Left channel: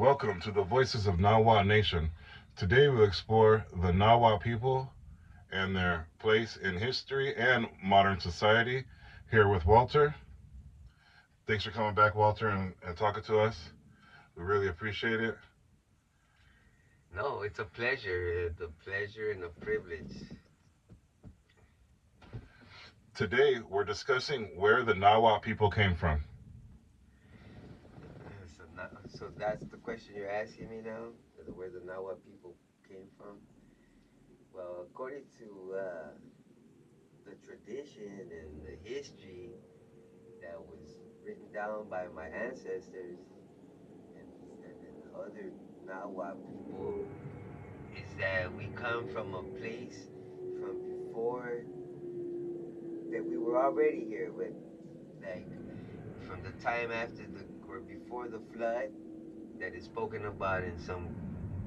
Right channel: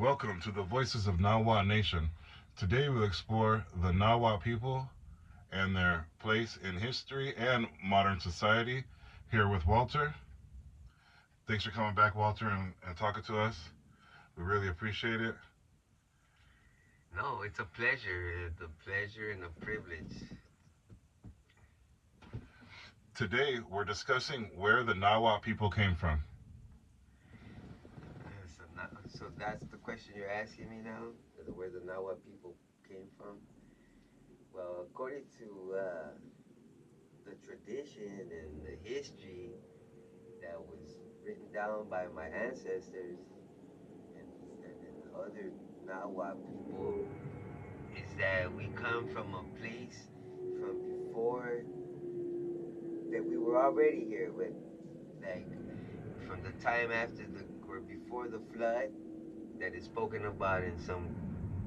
Welcome to the Voices of Nahua Nation. Today we'll explore the Nahua people and their place in history and modern society. Here with Walter. Thanks for coming back, Walter, and talking to us. We really appreciate it. No, it's a pleasure. It's a pleasure and a privilege. Today we're discussing where the Nahua people came from. So that's the question you're asking me now, where the Nahua people came from. Well, according to the tradition and the history that was written down by my ancestors and other Nahua people, is that we come from a place from before that we were already here with, like from the time after the or before the flood that is spoken about in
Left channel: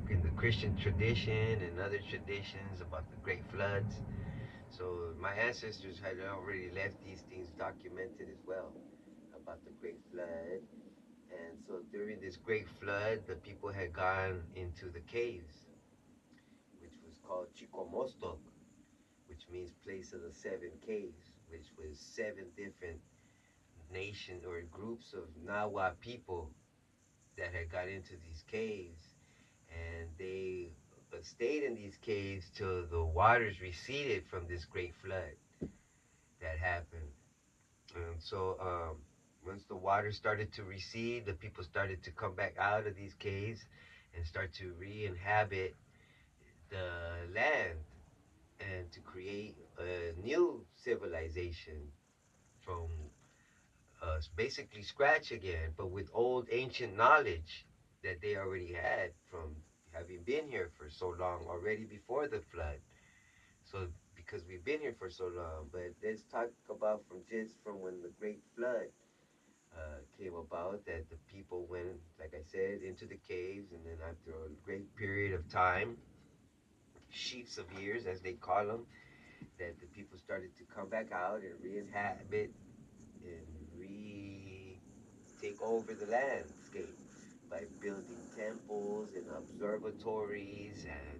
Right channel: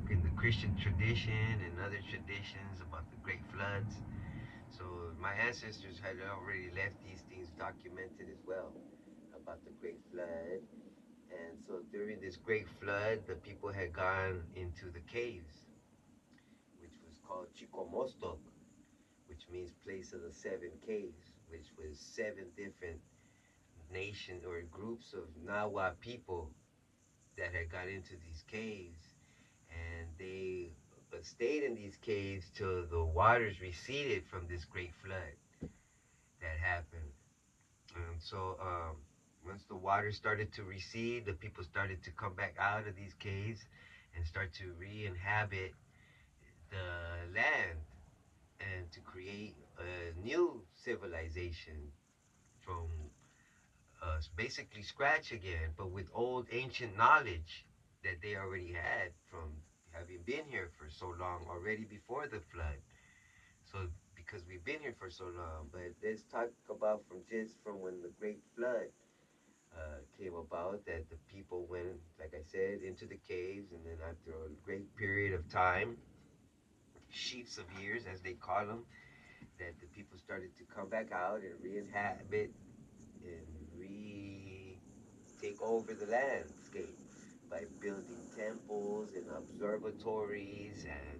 the Christian tradition and other traditions about the great floods. So my ancestors had already left these things documented as well about the great flood. And so during this great flood, the people had gone into the caves, which was called Chikomostok, which means place of the seven caves, which was seven different nation or groups of Nahua people that had got into these caves, and they stayed in these caves till the waters receded from this great flood that happened. And so once the water started to recede, the people started to come back out of these caves and start to re-inhabit the land and to create a new civilization from basically scratch again, but with old ancient knowledge that they already had from having been here for so long already before the flood. So because we've been here for so long, but let's talk about from when the great flood came about, that the people went, like I said, into the caves, and then after a great period of time, sheets of years as they call them, that the people started to come back out and re-inhabit and take over the landscape by building temples and observatories and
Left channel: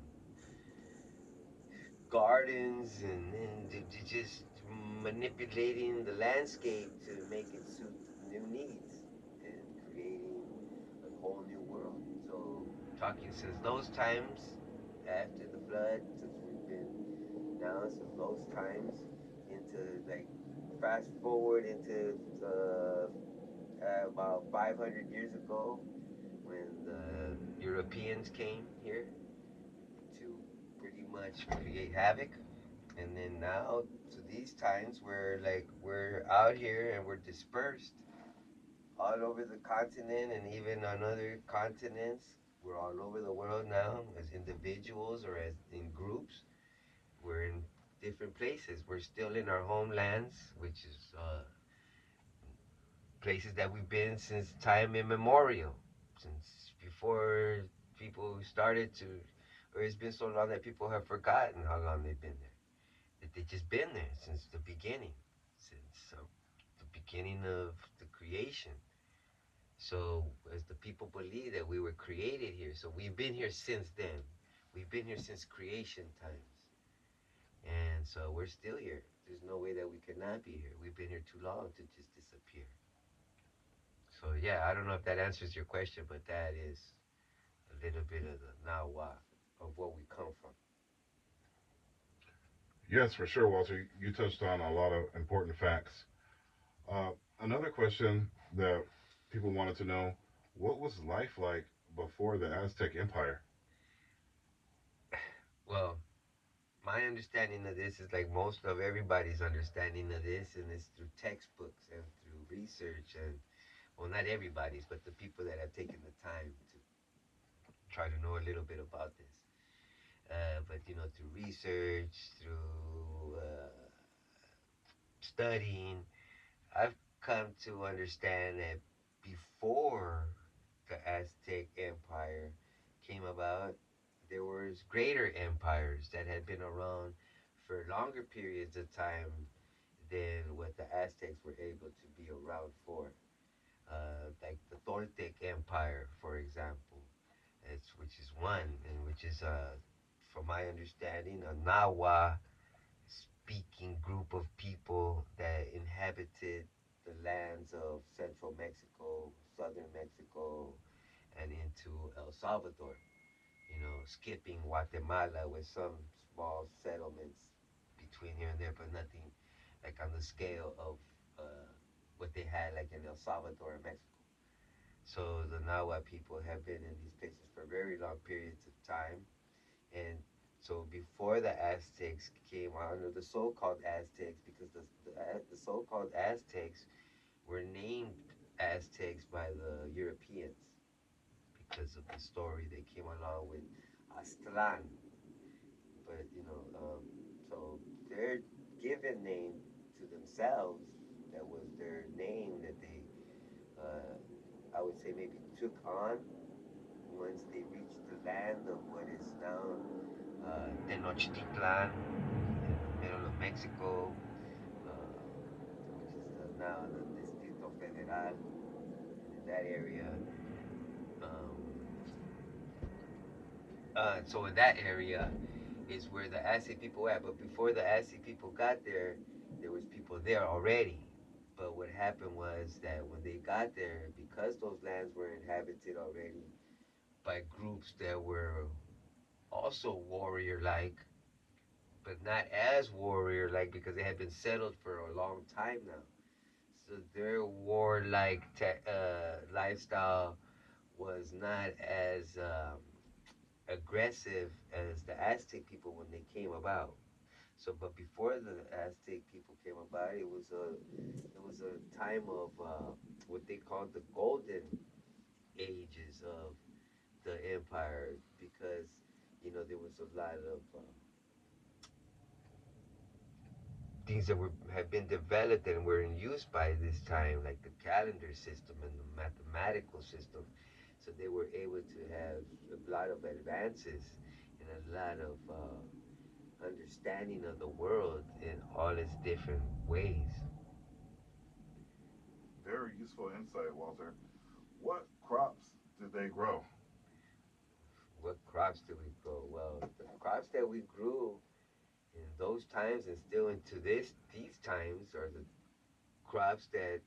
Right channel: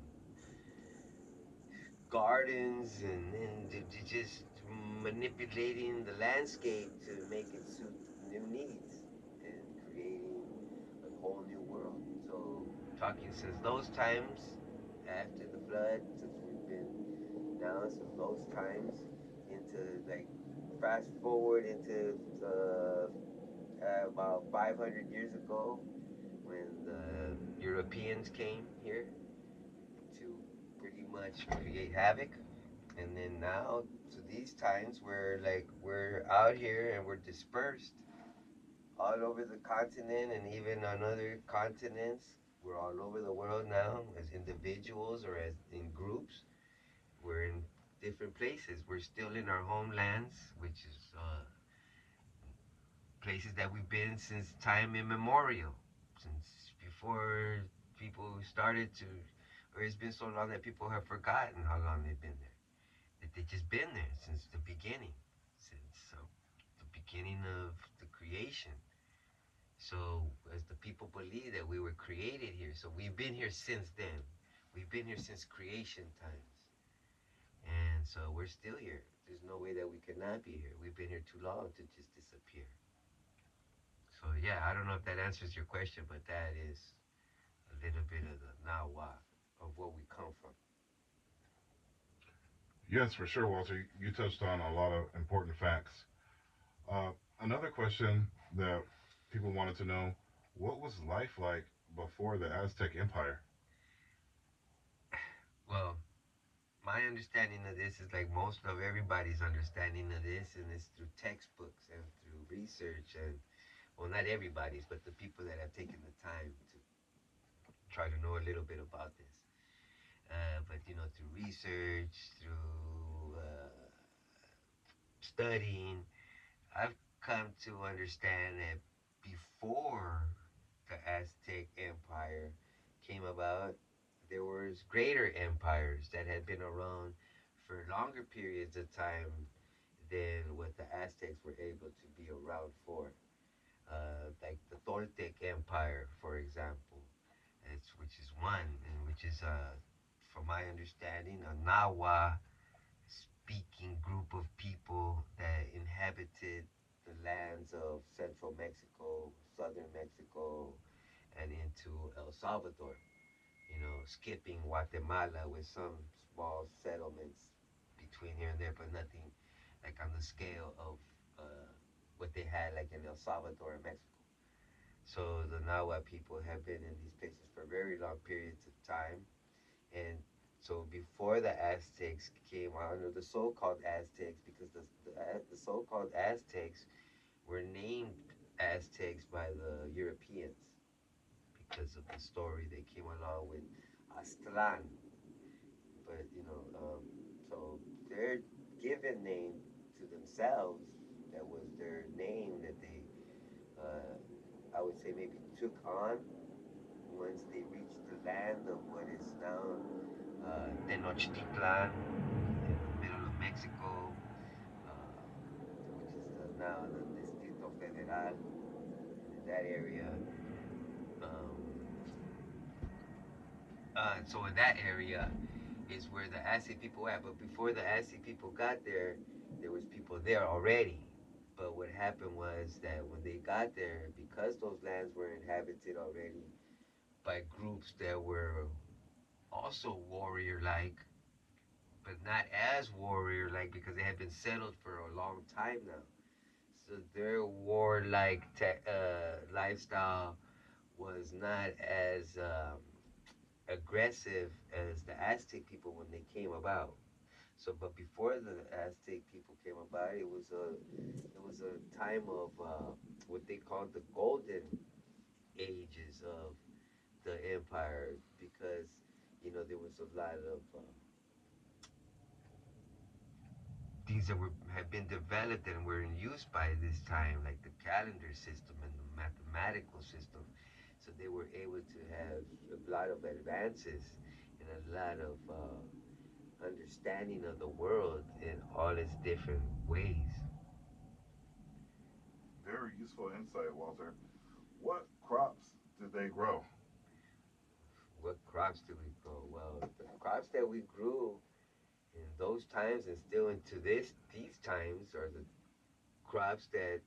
gardens and just manipulating the landscape to make it suit new needs and creating a whole new world. So talking since those times after the flood, since we've been now since those times into like fast forward into about 500 years ago when the Europeans came here to pretty much create havoc. And then now to these times where like we're out here and we're dispersed all over the continent and even on other continents. We're all over the world now as individuals or as in groups. We're in different places. We're still in our homelands, which is places that we've been since time immemorial, since before people started to, or it's been so long that people have forgotten how long they've been there. That they've just been there since the beginning, since the beginning of the creation. So, as the people believe that we were created here, so we've been here since then. We've been here since creation times. And so we're still here. There's no way that we could not be here. We've been here too long to just disappear. So yeah, I don't know if that answers your question, but that is a little bit of the now what of what we come from. Yes, for sure, Walter. You touched on a lot of important facts. Uh, Another question that people wanted to know: what was life like before the Aztec Empire? Well, my understanding of this is like most of everybody's understanding of this, and it's through textbooks and through research, and well, not everybody's, but the people that have taken the time to try to know a little bit about this. But through research, through studying, I've come to understand that before the Aztec Empire came about, there was greater empires that had been around for longer periods of time than what the Aztecs were able to be around for. Like the Toltec Empire, for example. one, and which is, from my understanding, a Nahua speaking group of people that inhabited the lands of central Mexico, southern Mexico, and into El Salvador. Skipping Guatemala with some small settlements between here and there, but nothing like on the scale of what they had like in El Salvador and Mexico. So the Nahua people have been in these places for very long periods of time. And so before the Aztecs came on, or the so-called Aztecs, because the so-called Aztecs were named Aztecs by the Europeans because of the story they came along with Aztlan. But so their given name to themselves, that was their name that they, I would say, maybe took on once they reached the land of what is now Tenochtitlan, in the middle of Mexico, which is now the Distrito Federal. In that area, um, so in that area is where the Aztec people were at. But before the Aztec people got there, there was people there already. But what happened was that when they got there, because those lands were inhabited already by groups that were also warrior-like, but not as warrior-like because they had been settled for a long time now. So their warlike lifestyle was not as aggressive as the Aztec people when they came about. So, but before the Aztec people came about, it was a time of what they called the golden ages of the empire, because there was a lot of things that had been developed and were in use by this time, like the calendar system and the mathematical system. So they were able to have a lot of advances and a lot of understanding of the world in all its different ways. Very useful insight, Walter. What crops did they grow? What crops do we grow? Well, the crops that we grew in those times and still into these times are the crops that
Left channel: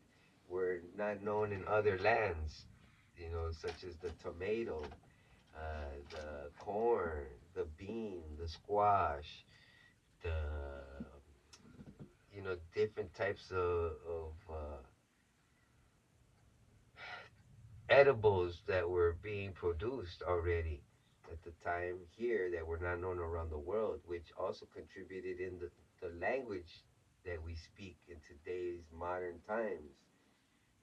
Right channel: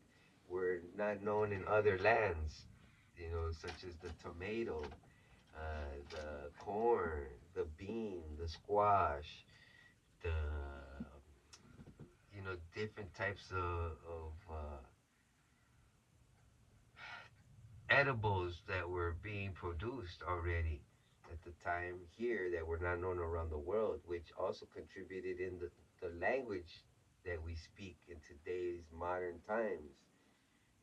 were not known in other lands, such as the tomato, the corn, the bean, the squash, the different types of edibles that were being produced already at the time here that were not known around the world, which also contributed in the language that we speak in today's modern times.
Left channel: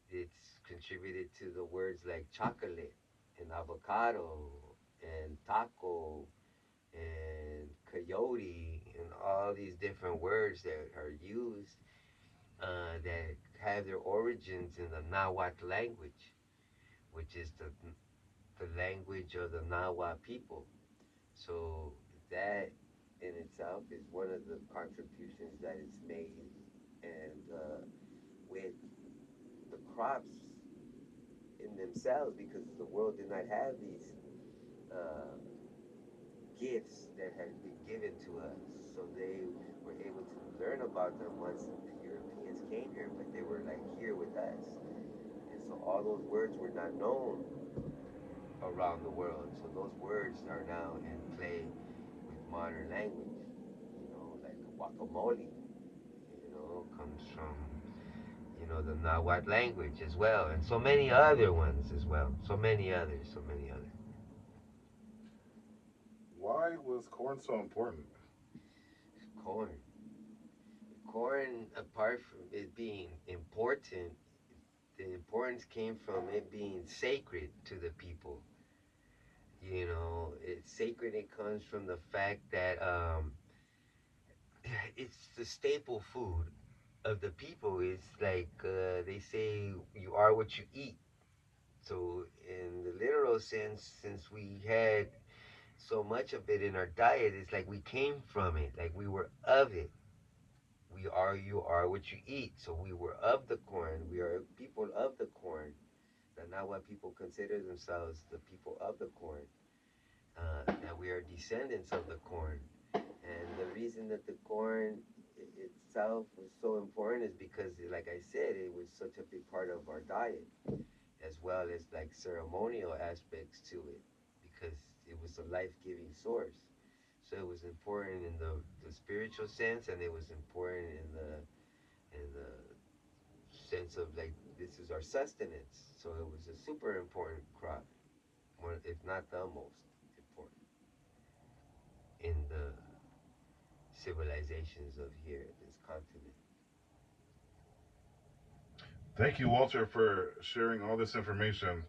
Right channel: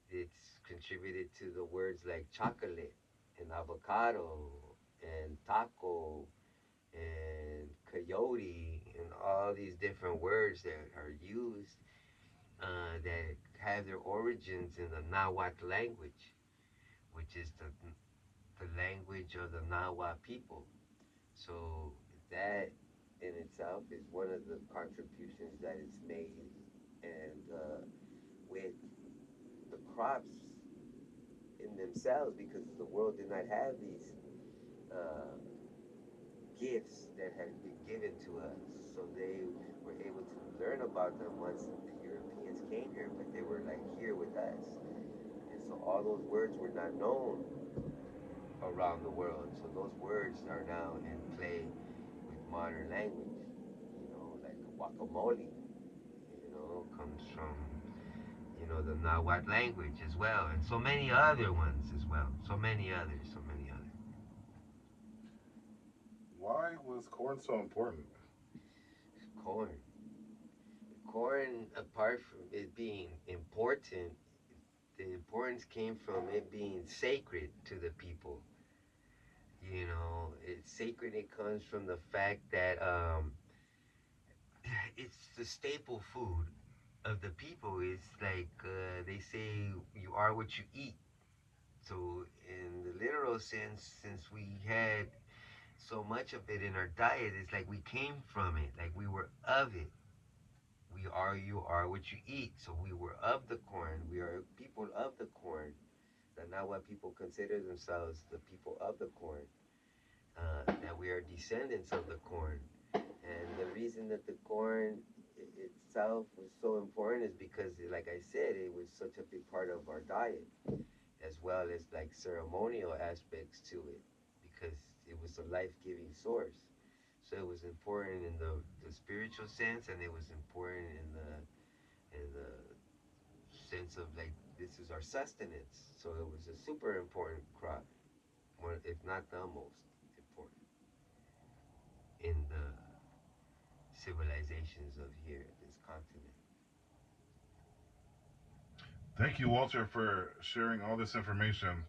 It's contributed to the words like chocolate and avocado and taco and coyote and all these different words that are used, that have their origins in the Nahuatl language, which is the language of the Nahua people. So that in itself is one of the contributions that is made, and with the crops in themselves, because the world did not have these uh, gifts that had been given to us. So they were able to learn about them once the Europeans came here, but they were like here with us. And so all those words were not known around the world. So those words are now in play with modern language. Like guacamole, comes from, the Nahuatl language as well, and so many other ones as well. So many others, so many others. Why was corn so important? Corn. Corn, apart from it being important, the importance came from it being sacred to the people. It's sacred. It comes from the fact that it's the staple food of the people. It's like they say, you are what you eat. So, in the literal sense, since we had so much of it in our diet, it's like we came from it, like we were of it. You are what you eat. So we were of the corn. We are people of the corn. That now what people consider themselves the people of the corn. that we are descendants of the corn. And the reason that the corn itself was so important is because, like I said, it was such a big part of our diet, as well as like ceremonial aspects to it, because it was a life-giving source. So it was important in the spiritual sense, and it was important in the sense of like this is our sustenance. So it was a super important crop, one if not the most important in the civilizations of here, this continent. Thank you, Walter, for sharing all this information.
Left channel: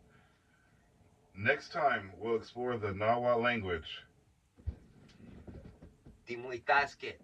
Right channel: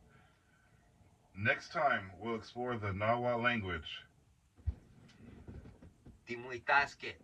Next time, we'll explore the Nahua language. Timuitasket.